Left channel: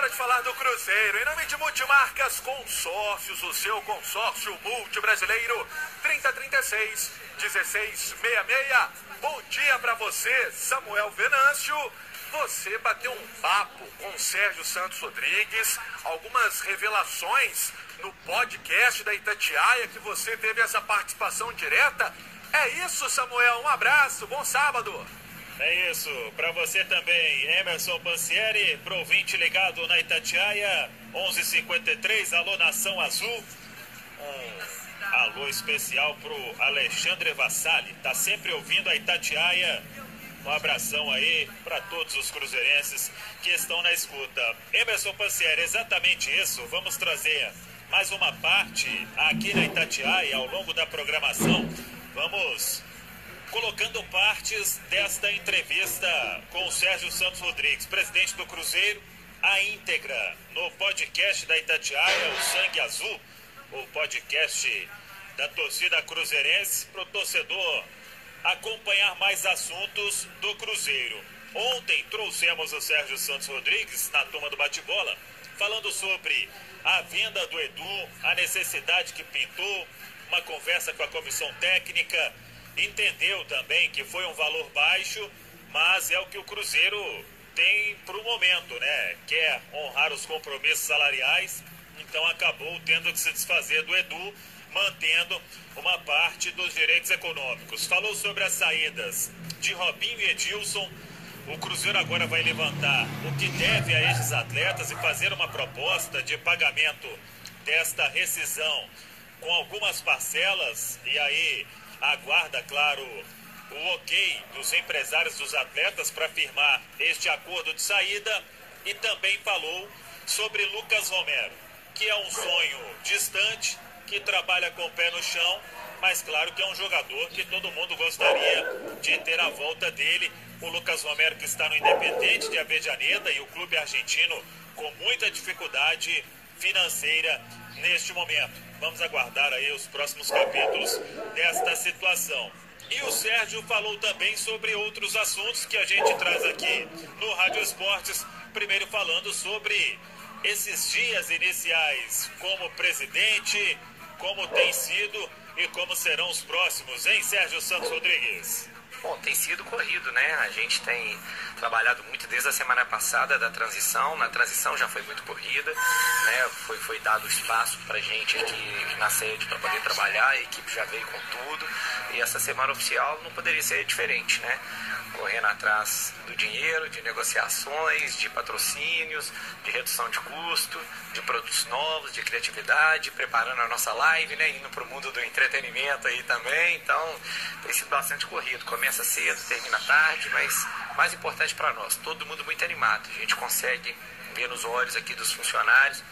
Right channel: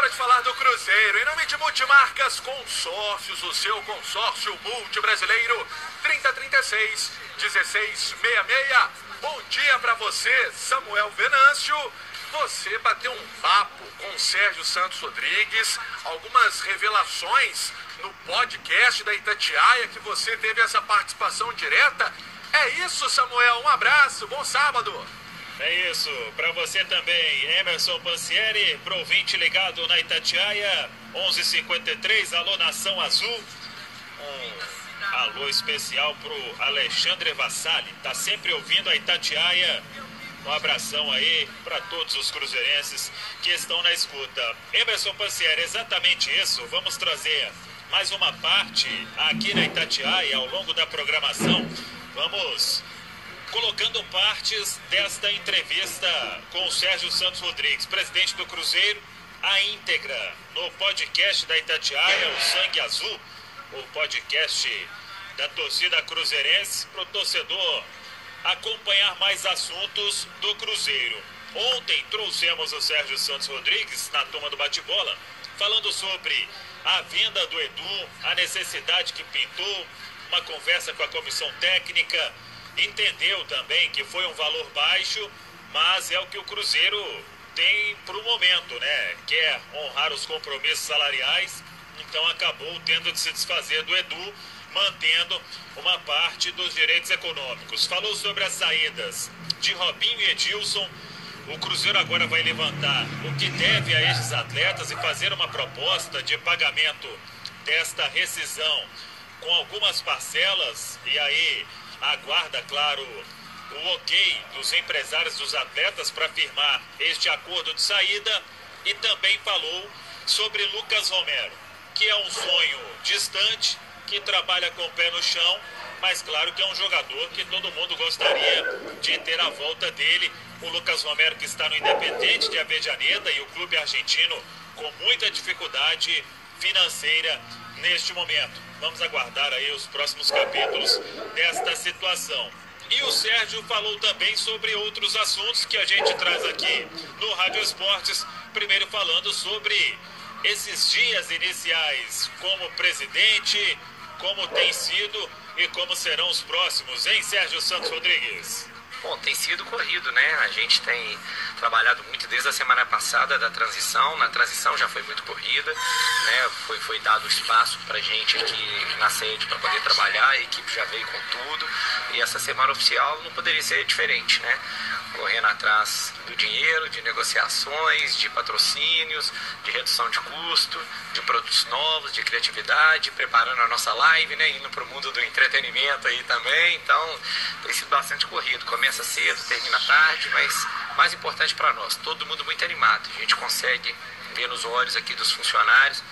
hora de falar do Cruzeiro. Em nome de Multimarcas Consórcios, o seu consórcio multibrasileiro, 3036-1666. Bom dia para você, Samuel Venâncio. Você bateu um papo com o Sérgio Santos Rodrigues, algumas revelações no podcast da Itatiaia, que você teve essa participação direta. É isso, Samuel. Um abraço, bom sábado. É isso, para você também, Emerson Pansieri, pro ouvinte ligado na Itatiaia, 11h53, alô Nação Azul. Um alô especial pro Alexandre Vassali, tá sempre ouvindo a Itatiaia. Um abração aí para todos os cruzeirenses que estão na escuta. Emerson Pansieri, exatamente isso, vamos trazer mais uma parte aqui na Itatiaia ao longo da programação. Vamos colocando partes desta entrevista com o Sérgio Santos Rodrigues, presidente do Cruzeiro, a íntegra no podcast da Itatiaia, o Sangue Azul, o podcast da torcida cruzeirense, para o torcedor acompanhar mais assuntos do Cruzeiro. Ontem trouxemos o Sérgio Santos Rodrigues na turma do bate-bola, falando sobre a venda do Edu, a necessidade que pintou, uma conversa com a comissão técnica. Entendeu também que foi um valor baixo, mas é o que o Cruzeiro tem para o momento, né? Quer honrar os compromissos salariais, então acabou tendo que se desfazer do Edu, mantendo uma parte dos direitos econômicos. Falou sobre as saídas de Robinho e Edilson. O Cruzeiro agora vai levantar o que deve a esses atletas e fazer uma proposta de pagamento desta rescisão com algumas parcelas, e aí aguarda, claro, o ok dos empresários dos atletas para firmar este acordo de saída. E também falou sobre Lucas Romero, que é um sonho distante, que trabalha com o pé no chão, mas claro que é um jogador que todo mundo gostaria de ter a volta dele. O Lucas Romero, que está no Independente de Avejaneda, e o clube argentino com muita dificuldade financeira neste momento. Vamos aguardar aí os próximos capítulos desta situação. E o Sérgio falou também sobre outros assuntos que a gente traz aqui no Rádio Esportes. Primeiro falando sobre esses dias iniciais como presidente, como tem sido e como serão os próximos, hein, Sérgio Santos Rodrigues? Bom, tem sido corrido, né? A gente tem trabalhado muito desde a semana passada da transição. Na transição já foi muito corrida, né? Foi dado espaço pra gente aqui na sede para poder trabalhar, a equipe já veio com tudo. E essa semana oficial não poderia ser diferente, né? Correndo atrás do dinheiro, de negociações, de patrocínios, de redução de custo, de produtos novos, de criatividade, preparando a nossa live, né? Indo para o mundo do entretenimento aí também. Então, tem sido bastante corrido. Começa cedo, termina tarde, mas mais importante para nós, todo mundo muito animado. A gente consegue ver nos olhos aqui dos funcionários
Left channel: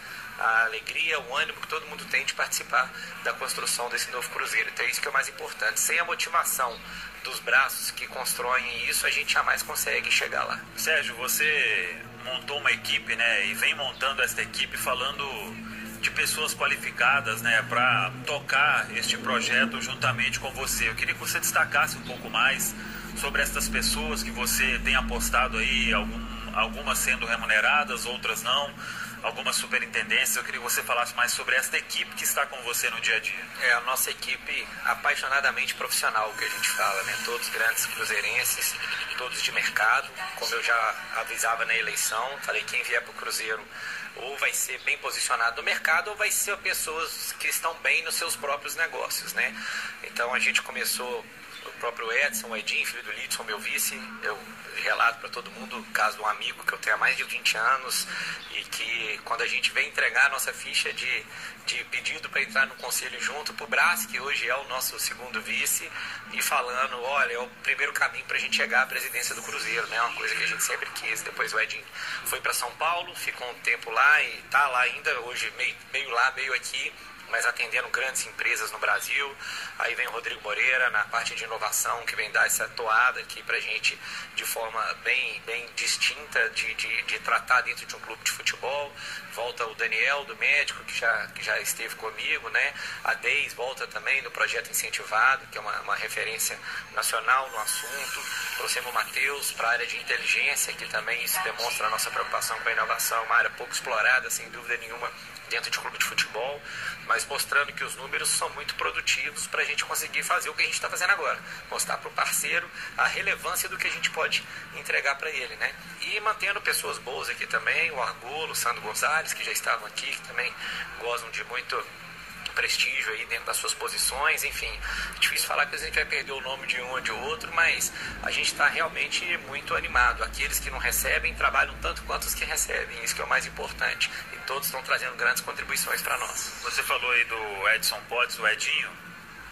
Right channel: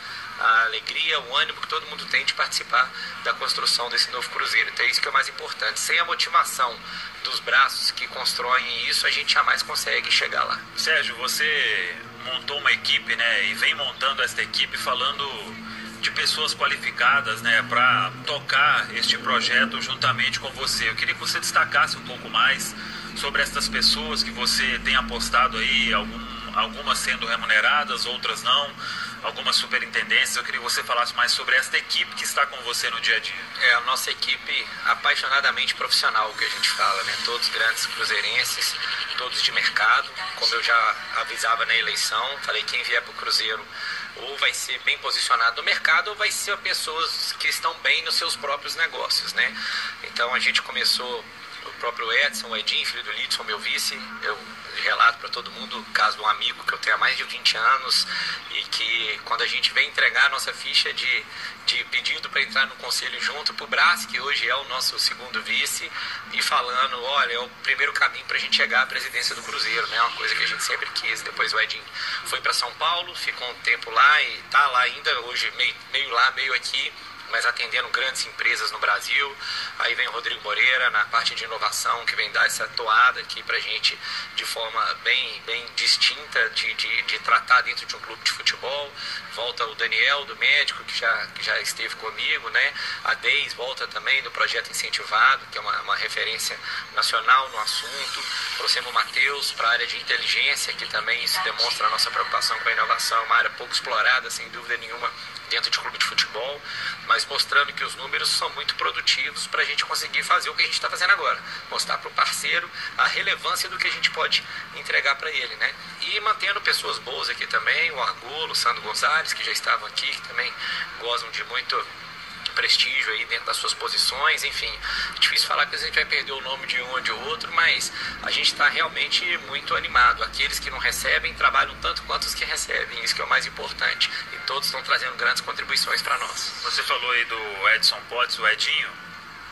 a alegria, o ânimo que todo mundo tem de participar da construção desse novo Cruzeiro. Então é isso que é o mais importante. Sem a motivação dos braços que constroem isso, a gente jamais consegue chegar lá. Sérgio, você montou uma equipe, né, e vem montando esta equipe falando de pessoas qualificadas, né, para tocar este projeto juntamente com você. Eu queria que você destacasse um pouco mais sobre essas pessoas que você tem apostado aí, algumas sendo remuneradas, outras não, algumas superintendências. Eu queria que você falasse mais sobre esta equipe que está com você no dia a dia. É a nossa equipe apaixonadamente profissional, que a gente fala, né? Todos grandes cruzeirenses, todos de mercado. Como eu já avisava na eleição, falei, quem vier para o Cruzeiro ou vai ser bem posicionado no mercado ou vai ser pessoas que estão bem nos seus próprios negócios, né? Então a gente começou, o próprio Edson, o Edinho, filho do Lidson, meu vice. Eu relato para todo mundo o caso de um amigo que eu tenho há mais de 20 anos e que quando a gente vem entregar a nossa ficha de pedido para entrar no conselho junto para o Brás, que hoje é o nosso segundo vice, e falando, olha, é o primeiro caminho para a gente chegar à presidência do Cruzeiro, né? Uma coisa que a gente sempre quis. Depois o Edinho foi para São Paulo, ficou um tempo lá e está lá ainda, hoje meio lá, meio aqui, mas atendendo grandes empresas no Brasil. Aí vem o Rodrigo Moreira na parte de inovação, que vem dar essa toada aqui pra gente de forma bem distinta de tratar dentro de um clube de futebol. Volta o Daniel, do médico, que já esteve comigo, né? A Deis volta também do projeto Incentivado, que é uma referência nacional no assunto. trouxemos o Matheus para a área de inteligência, que também isso demonstra a nossa preocupação com a inovação, uma área pouco explorada, sem dúvida nenhuma, dentro de clube de futebol, mas mostrando que os números são muito produtivos para a gente conseguir fazer o que a gente está fazendo agora, mostrar para o parceiro a relevância do que a gente pode entregar para ele, né? E mantendo pessoas boas aqui também, o Argolo, o Sandro Gonzalez, que já estavam aqui, que também gozam de muito prestígio aí dentro das suas posições, enfim, é difícil falar que a gente vai perder o nome de um ou de outro, mas a gente está realmente muito animado. Aqueles que não recebem trabalham tanto quanto os que recebem, isso que é o mais importante, e todos estão trazendo grandes contribuições para nós. Você falou aí do Edson Potts, o Edinho,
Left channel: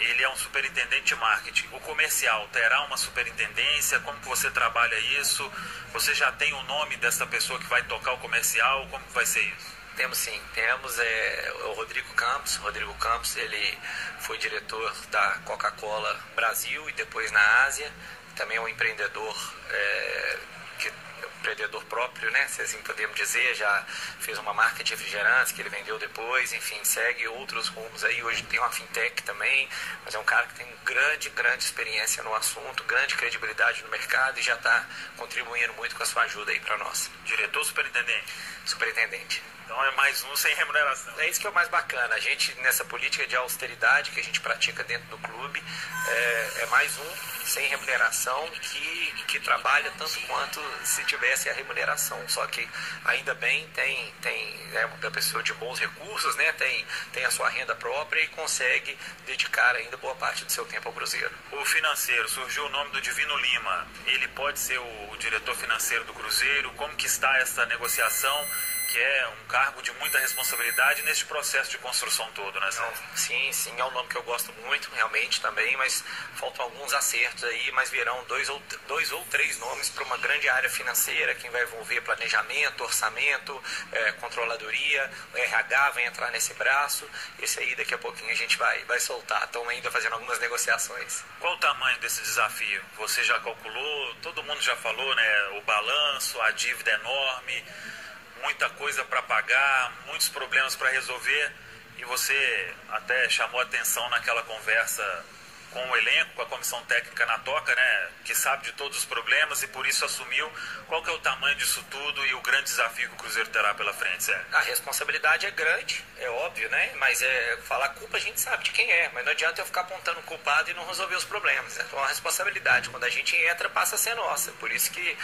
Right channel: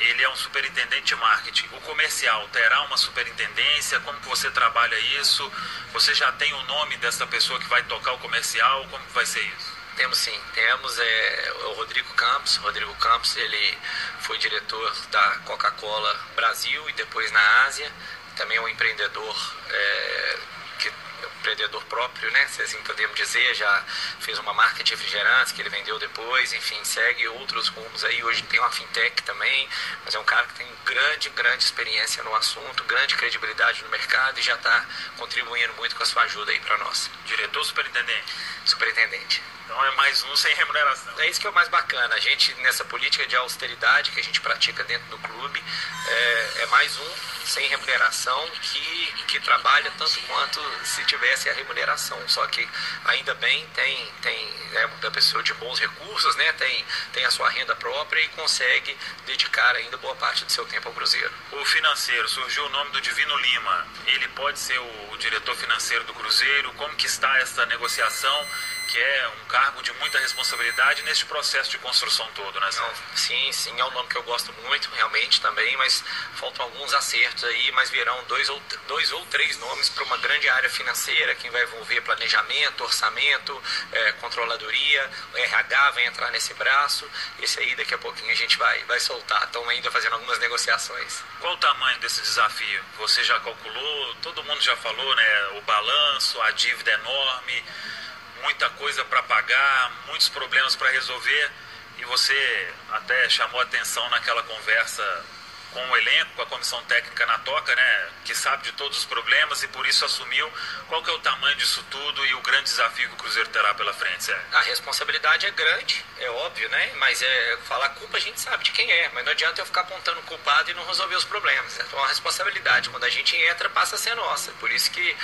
ele é um superintendente de marketing. O comercial terá uma superintendência? Como que você trabalha isso? Você já tem o nome dessa pessoa que vai tocar o comercial? Como que vai ser isso? Temos sim, temos o Rodrigo Campos. Rodrigo Campos, ele foi diretor da Coca-Cola Brasil e depois na Ásia. Também é um empreendedor, empreendedor próprio, né? Se assim podemos dizer, já fez uma marca de refrigerantes que ele vendeu depois, enfim, segue outros rumos aí. Hoje tem uma fintech também, mas é um cara que tem grande experiência no assunto, grande credibilidade no mercado e já está contribuindo muito com a sua ajuda aí para nós. Diretor ou superintendente? Superintendente. Então é mais um sem remuneração. É isso que é o mais bacana. A gente, nessa política de austeridade que a gente pratica dentro do clube, é mais um sem remuneração que trabalha tanto quanto se tivesse a remuneração. Só que ainda bem tem uma pessoa de bons recursos, né? Tem a sua renda própria e consegue dedicar ainda boa parte do seu tempo ao Cruzeiro. O financeiro, surgiu o nome do Divino Lima. Ele pode ser o diretor financeiro do Cruzeiro? Como que está essa negociação? Que é um cargo de muita responsabilidade nesse processo de construção todo, né, Sérgio? Sim, é um nome que eu gosto muito, realmente, também, mas faltam alguns acertos aí, mas virão dois ou três nomes para uma grande área financeira, que vai envolver planejamento, orçamento, controladoria, o RH vai entrar nesse braço, esse aí daqui a pouquinho a gente vai soltar, estão ainda fazendo algumas negociações. Qual o tamanho desse desafio? Você já calculou, todo mundo já falou, né, o balanço, a dívida enorme, muita coisa para pagar, muitos problemas para resolver, e você até chamou atenção naquela conversa com o elenco, com a comissão técnica na toca, né, que sabe de todos os problemas e por isso assumiu. Qual que é o tamanho disso tudo e o grande desafio que o Cruzeiro terá pela frente, Sérgio? A responsabilidade é grande, é óbvio, né? Mas falar culpa a gente sabe de quem é, mas não adianta eu ficar apontando o culpado e não resolver os problemas. Então a responsabilidade, quando a gente entra, passa a ser nossa. Por isso que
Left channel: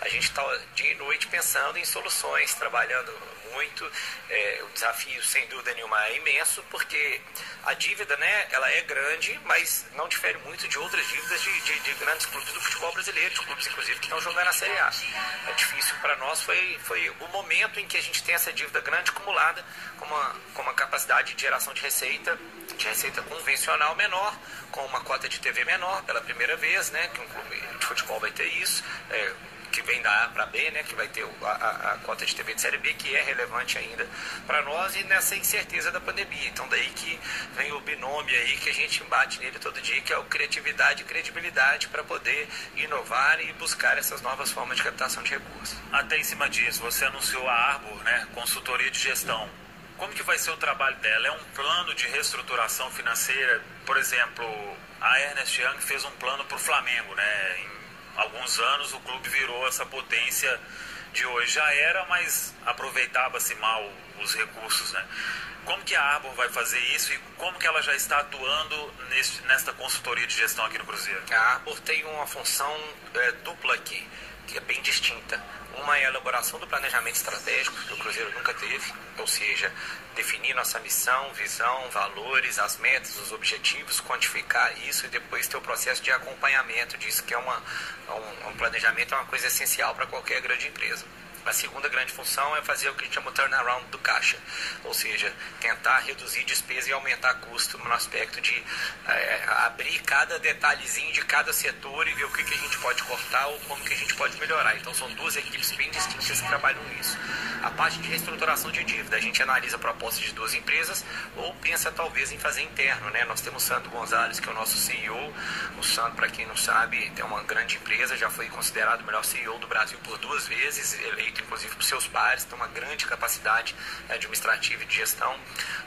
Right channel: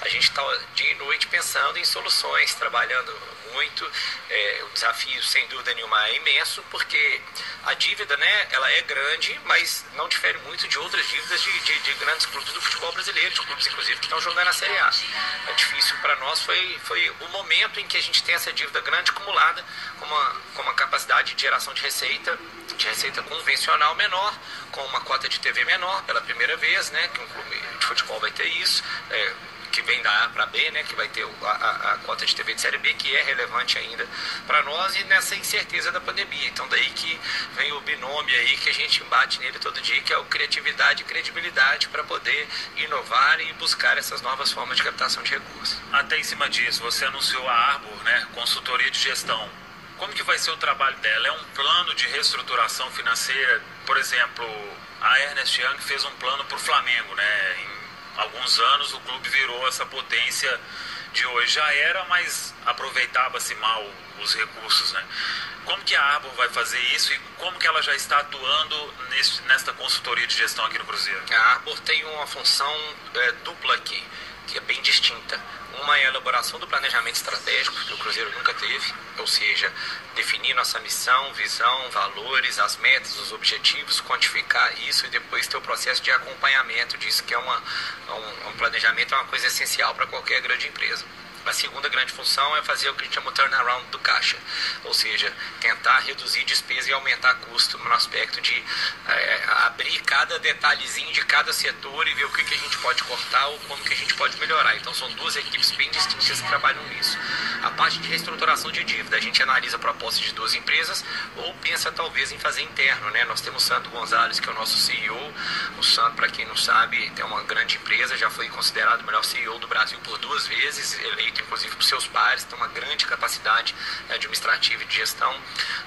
a gente está dia e noite pensando em soluções, trabalhando muito. O desafio, sem dúvida nenhuma, é imenso, porque a dívida, né, ela é grande, mas não difere muito de outras dívidas de grandes clubes do futebol brasileiro, de clubes, inclusive, que estão jogando na Série A. É difícil para nós, foi o momento em que a gente tem essa dívida grande acumulada, com uma capacidade de geração de receita convencional menor, com uma cota de TV menor, pela primeira vez, né, que um clube de futebol vai ter isso, que vem da A para B, né, que vai ter a cota de TV de Série B, que é relevante ainda para nós, e nessa incerteza da pandemia. Então daí que vem o binômio aí, que a gente bate nele todo dia, que é o criatividade e credibilidade para poder inovar e buscar essas novas formas de captação de recursos. Até em cima disso, você anunciou a Arbor, né, consultoria de gestão. Como que vai ser o trabalho dela? É um plano de reestruturação financeira? Por exemplo, a Ernest Young fez um plano para o Flamengo, né? Alguns anos o clube virou essa potência de hoje. Já era, mas aproveitava-se mal os recursos, né? Como que a Arbor vai fazer isso e como que ela já está atuando nesta consultoria de gestão aqui no Cruzeiro? A Arbor tem uma função dupla aqui, que é bem distinta. Uma é a elaboração do planejamento estratégico, que o Cruzeiro nunca teve, ou seja, definir nossa missão, visão, valores, as metas, os objetivos, quantificar isso e depois ter o processo de acompanhamento disso, que é um planejamento, é uma coisa essencial para qualquer grande empresa. A segunda grande função é fazer o que a gente chama de turnaround do caixa, ou seja, tentar reduzir despesa e aumentar custo no aspecto de abrir cada detalhezinho de cada setor e ver o que a gente pode cortar ou como que a gente pode melhorar. Então são duas equipes bem distintas que trabalham nisso. A parte de reestruturação de dívida, a gente analisa propostas de 2 empresas ou pensa talvez em fazer interno, né? Nós temos o Sandro Gonzalez, que é o nosso CEO. O Sandro, para quem não sabe, é uma grande empresa, já foi considerado o melhor CEO do Brasil por 2 vezes, eleito inclusive por seus pares, tem uma grande capacidade administrativa e de gestão.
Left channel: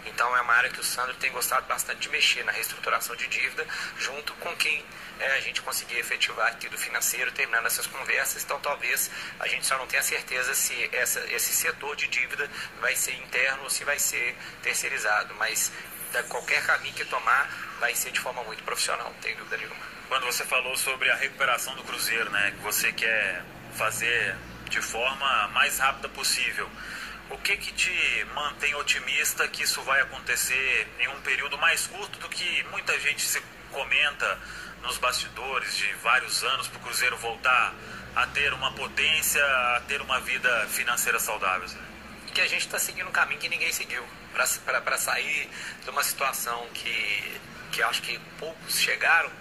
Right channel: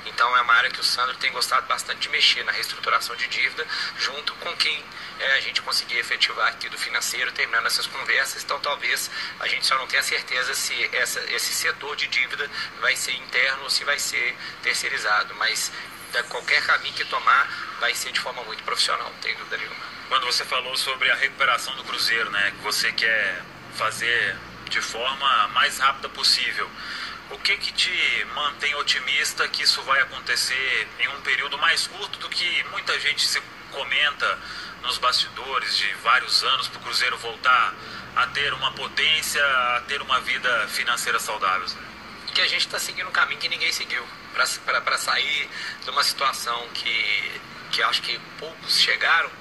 Então é uma área que o Sandro tem gostado bastante de mexer na reestruturação de dívida, junto com quem a gente conseguir efetivar aqui do financeiro, terminando essas conversas. Então talvez a gente só não tenha certeza se esse setor de dívida vai ser interno ou se vai ser terceirizado, mas qualquer caminho que tomar vai ser de forma muito profissional, não tem dúvida nenhuma. Quando você falou sobre a recuperação do Cruzeiro, né, que você quer fazer de forma mais rápida possível, o que te mantém otimista que isso vai acontecer em um período mais curto do que muita gente se comenta nos bastidores de vários anos para o Cruzeiro voltar a ter uma potência, a ter uma vida financeira saudável? Que a gente está seguindo um caminho que ninguém seguiu, para sair de uma situação que acho que poucos chegaram,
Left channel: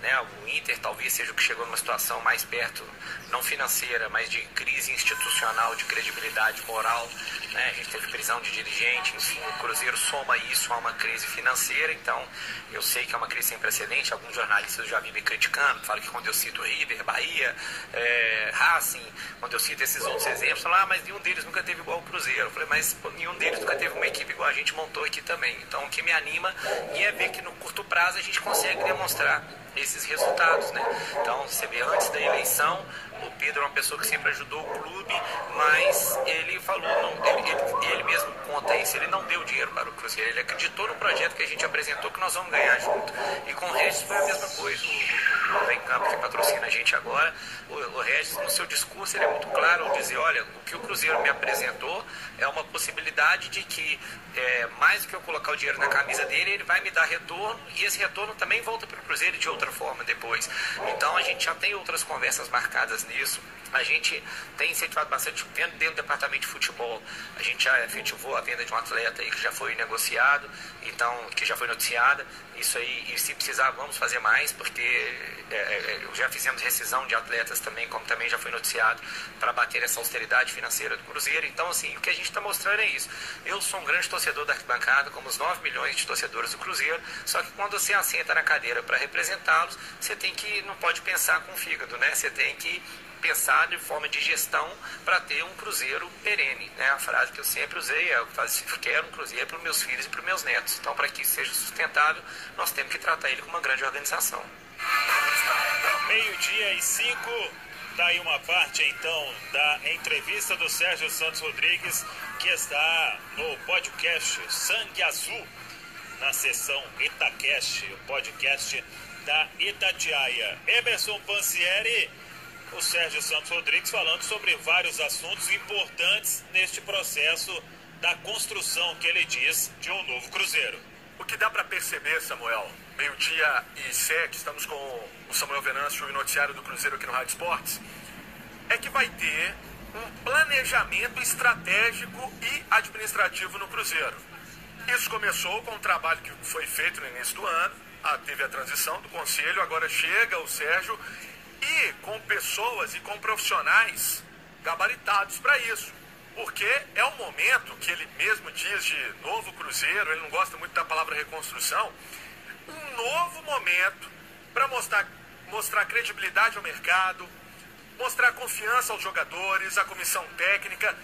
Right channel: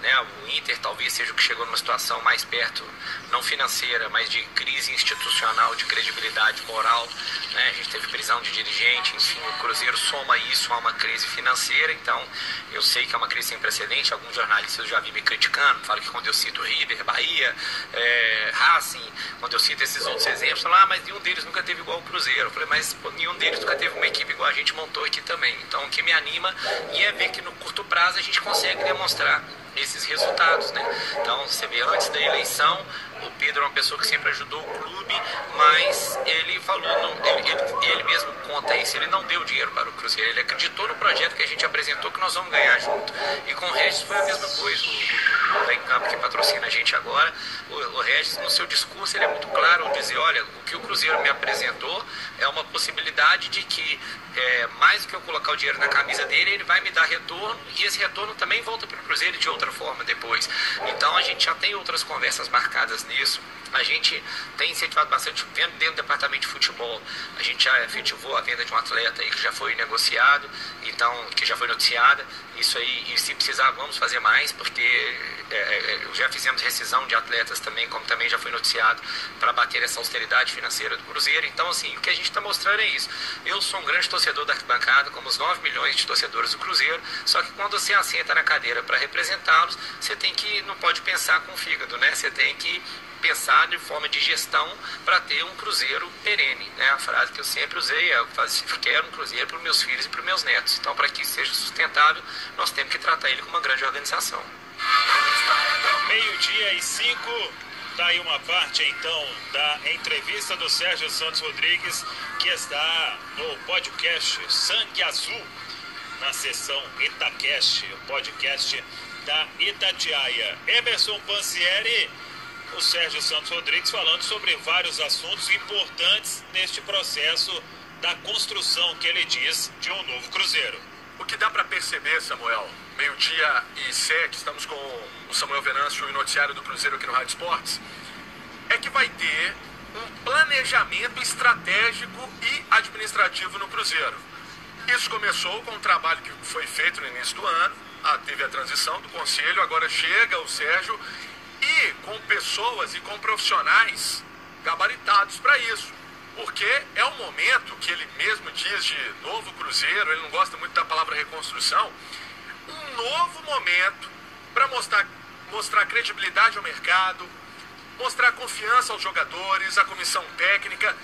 né? O Inter talvez seja o que chegou numa situação mais perto, não financeira, mas de crise institucional, de credibilidade moral, né? A gente teve prisão de dirigente, enfim, o Cruzeiro soma isso a uma crise financeira. Então eu sei que é uma crise sem precedente. Alguns jornalistas eu já vi me criticando, falam que quando eu cito River, Bahia, Racing, quando eu cito esses outros exemplos, falam, mas nenhum deles nunca teve igual o Cruzeiro. Eu falei, mas nenhum deles nunca teve uma equipe igual a gente montou aqui também. Então o que me anima é ver que no curto prazo a gente consegue demonstrar esses resultados, né? Então você vê, antes da eleição, o Pedro é uma pessoa que sempre ajudou o clube, mas ele falou, ele mesmo conta isso, ele não deu dinheiro para o Cruzeiro, ele acreditou no projeto que a gente apresentou, que nós vamos ganhar junto. E com o Regis foi a mesma coisa. O Vem Campo, que patrocina a gente agora, o Regis, no seu discurso, ele é muito claro ao dizer, olha, o que o Cruzeiro me apresentou é uma possibilidade de que, mais do que eu colocar o dinheiro na camisa dele, ele vai me dar retorno, e esse retorno também volta para o Cruzeiro de outra forma depois. Então a gente já tem outras conversas marcadas nisso. A gente tem incentivado bastante dentro do departamento de futebol. A gente já efetivou a venda de um atleta aí que já foi negociado, então, que já foi noticiada. Isso aí, e se precisar, vamos fazer mais, porque já fizemos rescisão de atletas também, como também já foi noticiado, para bater essa austeridade financeira do Cruzeiro. Então, assim, o que a gente está mostrando é isso. Eu sou um grande torcedor da arquibancada, como os 9 milhões de torcedores do Cruzeiro, só que quando você assenta na cadeira para representá-los, você não pode pensar com o fígado, né? Você tem que pensar de forma de gestão para ter um Cruzeiro perene, né? A frase que eu sempre usei é: eu quero um Cruzeiro para os meus filhos e para os meus netos. Então, para que isso seja sustentável, nós temos que tratar ele como uma grande organização. 12:05, tá aí uma parte então da entrevista do Sérgio Santos Rodrigues, que está no podcast Sangue Azul, na seção Itacast, o podcast da Itatiaia. Emerson Pansieri, o Sérgio Santos Rodrigues falando sobre vários assuntos importantes neste processo da construção, que ele diz, de um novo Cruzeiro. O que dá para perceber, Samuel, 12:07, estamos com o Samuel Venâncio e o noticiário do Cruzeiro aqui no Rádio Esportes, é que vai ter um planejamento estratégico e administrativo no Cruzeiro. Isso começou com um trabalho que foi feito no início do ano, teve a transição do conselho, agora chega o Sérgio, e com pessoas e com profissionais gabaritados para isso. Porque é um momento que ele mesmo diz de novo Cruzeiro, ele não gosta muito da palavra reconstrução, um novo momento para mostrar credibilidade ao mercado, mostrar confiança aos jogadores, à comissão técnica.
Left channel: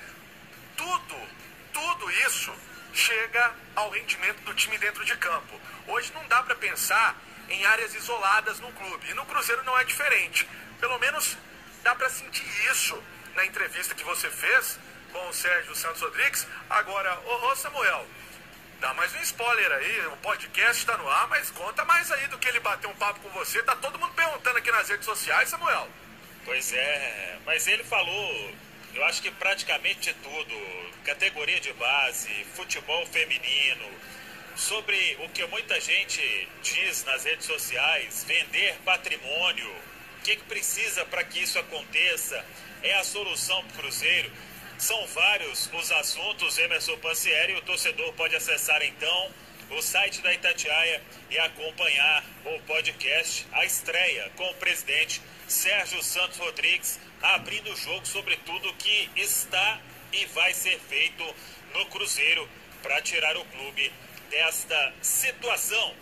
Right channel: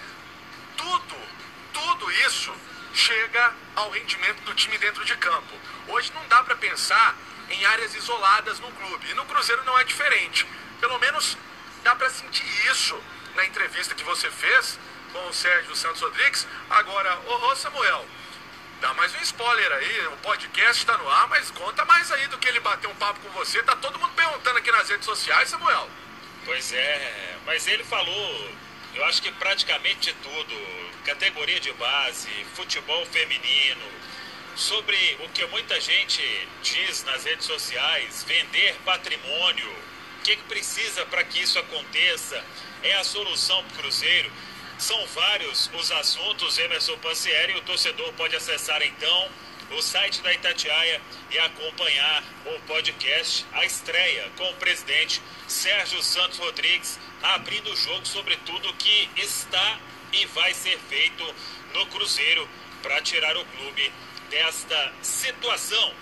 Tudo isso chega ao rendimento do time dentro de campo. Hoje não dá para pensar em áreas isoladas no clube, e no Cruzeiro não é diferente. Pelo menos dá para sentir isso na entrevista que você fez com o Sérgio Santos Rodrigues. Agora, ô Samuel, dá mais um spoiler aí, o podcast está no ar, mas conta mais aí do que ele bateu um papo com você. Tá todo mundo perguntando aqui nas redes sociais, Samuel. Pois é, mas ele falou, eu acho que praticamente de tudo, categoria de base, futebol feminino, sobre o que muita gente diz nas redes sociais, vender patrimônio, o que precisa para que isso aconteça, é a solução para o Cruzeiro. São vários os assuntos, Emerson Pansieri, o torcedor pode acessar então o site da Itatiaia e acompanhar o podcast, a estreia com o presidente Sérgio Santos Rodrigues, abrindo o jogo sobre tudo que está e vai ser feito no Cruzeiro para tirar o clube desta situação.